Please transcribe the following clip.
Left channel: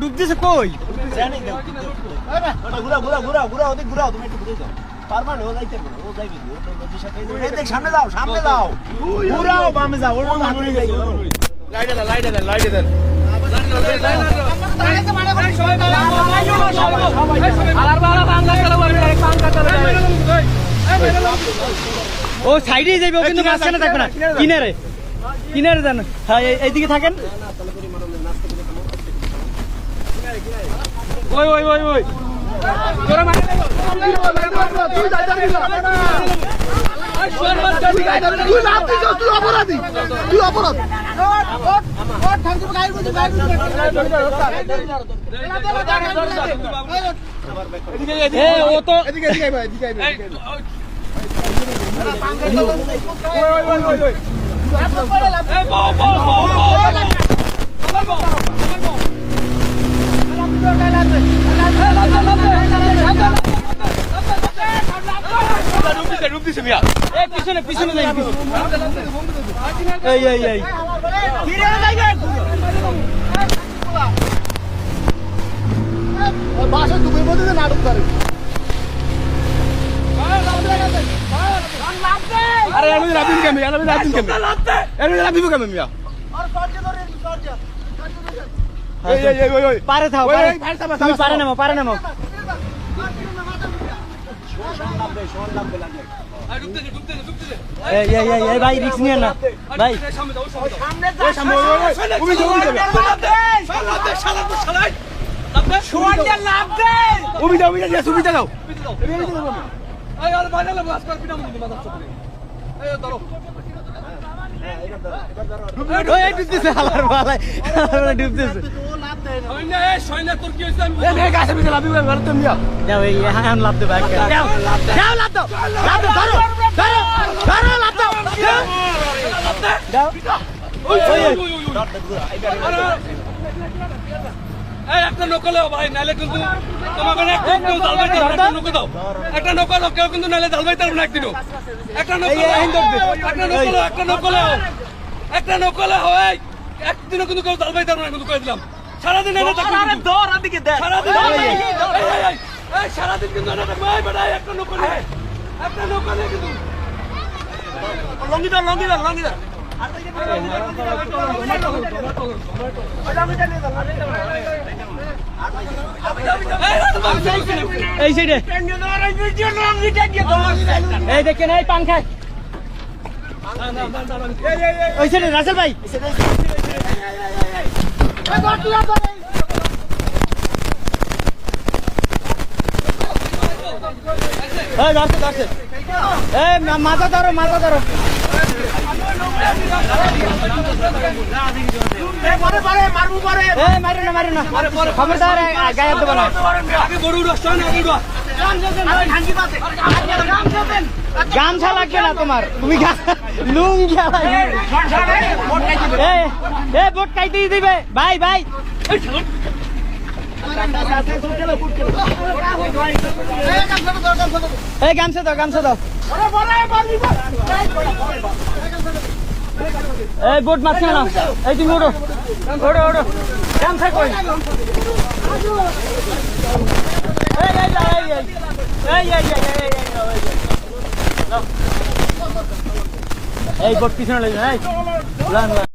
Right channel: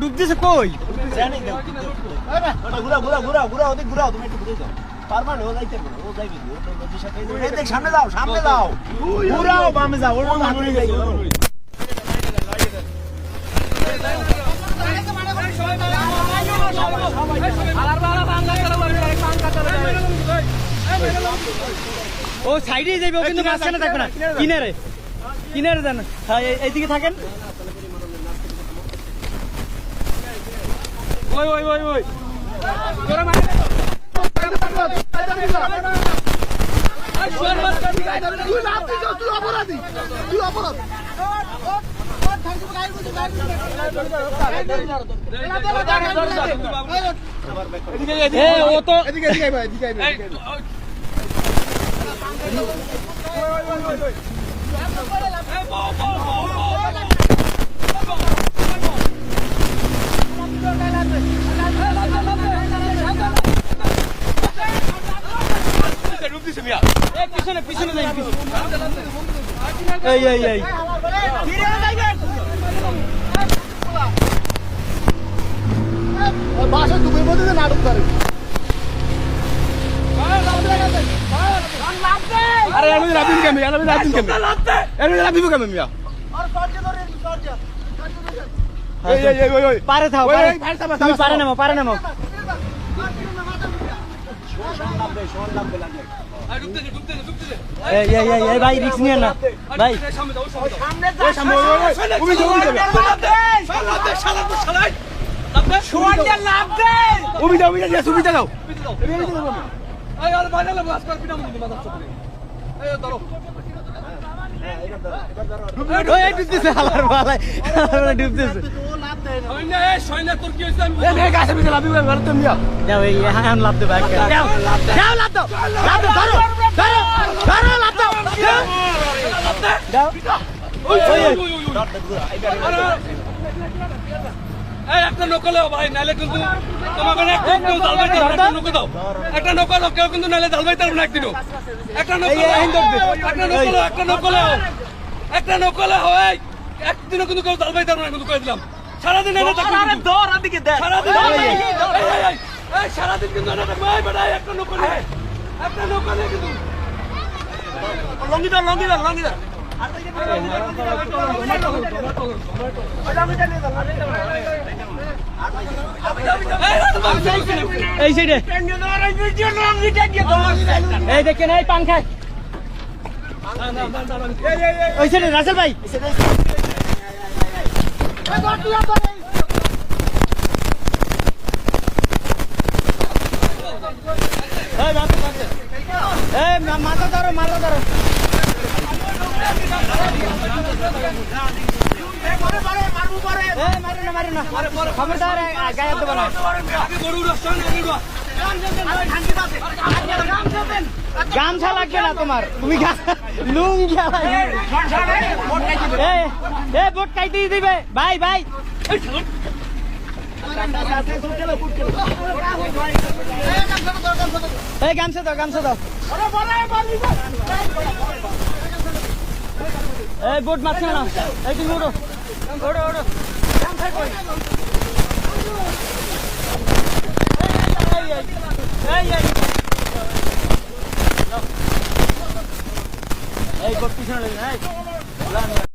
ডুব দিছে কই সামনে যাও সামনে যাও ঘুরাও বামে যাও ও সাইডে যাইবে কিন্তু মাঝখানে থাকবে না কিনারে কিনারে যান হ্যাঁ এইদিকে থাকেন ওই ওই ওই ওই তোরা মারে লাগো তুই লাভ দিছ তুই অপরাধী তুই অপরাধ ও ঠাকুর গায়ের মধ্যে এ ও তো এদিকে এদিকে ভাই এদিকে ভাই ওই ওই ওই ওই এ বো বো বো পিছনে পিছনে যাই এই এই এই বাসা ডুবের মধ্যে নাটক করে আরে আমি রাবিন কেমন আমি রাবিন কেমন আমি রাবিন কেমন মিয়া আর সরজে ধরে সরজে এই এই ওই ওই পারে থাও পারে তুমি পারে নামো শোন লাগবে লাগে আর ডুবতে এই এই এই ভাই রিস্ক নিয়ে না ভাই সামনে যাও সামনে তুমি যাবে শালা লাভ দে তুমি যাও সুবিধা দাও এই আর বানালে বাস কর পিনা মুদি মাথা চলে এই ধরো ওই ডুবতেছে হালার ভাই ডুবতেছে সৈন্য তোর কি হইছে আমি এই গাছে বিছে লাভ দিবে ঘর তুমি যাও এই হান লাভ দে ভাই যাও লাভ দাও ধরো লাভ দাও যাও ওই এই একটা নকলে ভাই নালে কিন্তু তোমাকে একটা জালবাইতে একটা নকলে দাও একটা নকলে কেউ কিন্তু নালে জালবাইতে না একদিন একটা নকলে হয় একদিনও কিন্তু কেউ জালবাইতে না কিন্তু কই দিলাম সারাদিন এনে থাকবে দর আদিকে দে সারাদিন কিন্তু এনে থাকবে ভাই বড় একটা নকলে কিন্তু লঙ্গি দাও এই সাইডে এই দেখেন এই পান খায় ওই সাইডে রাসেল ভাই ধরছে মাথা ধরো মারি না খবরদার গায়ে দেবো না গামছা লাগবে না তোমার তুমি লুঙ্গি বোট কাইতে দিবে ভাই এই গামছা দাও এই বোট মাছ না এই তুমি ওড়ো গামছা কই এই বোট পিছনে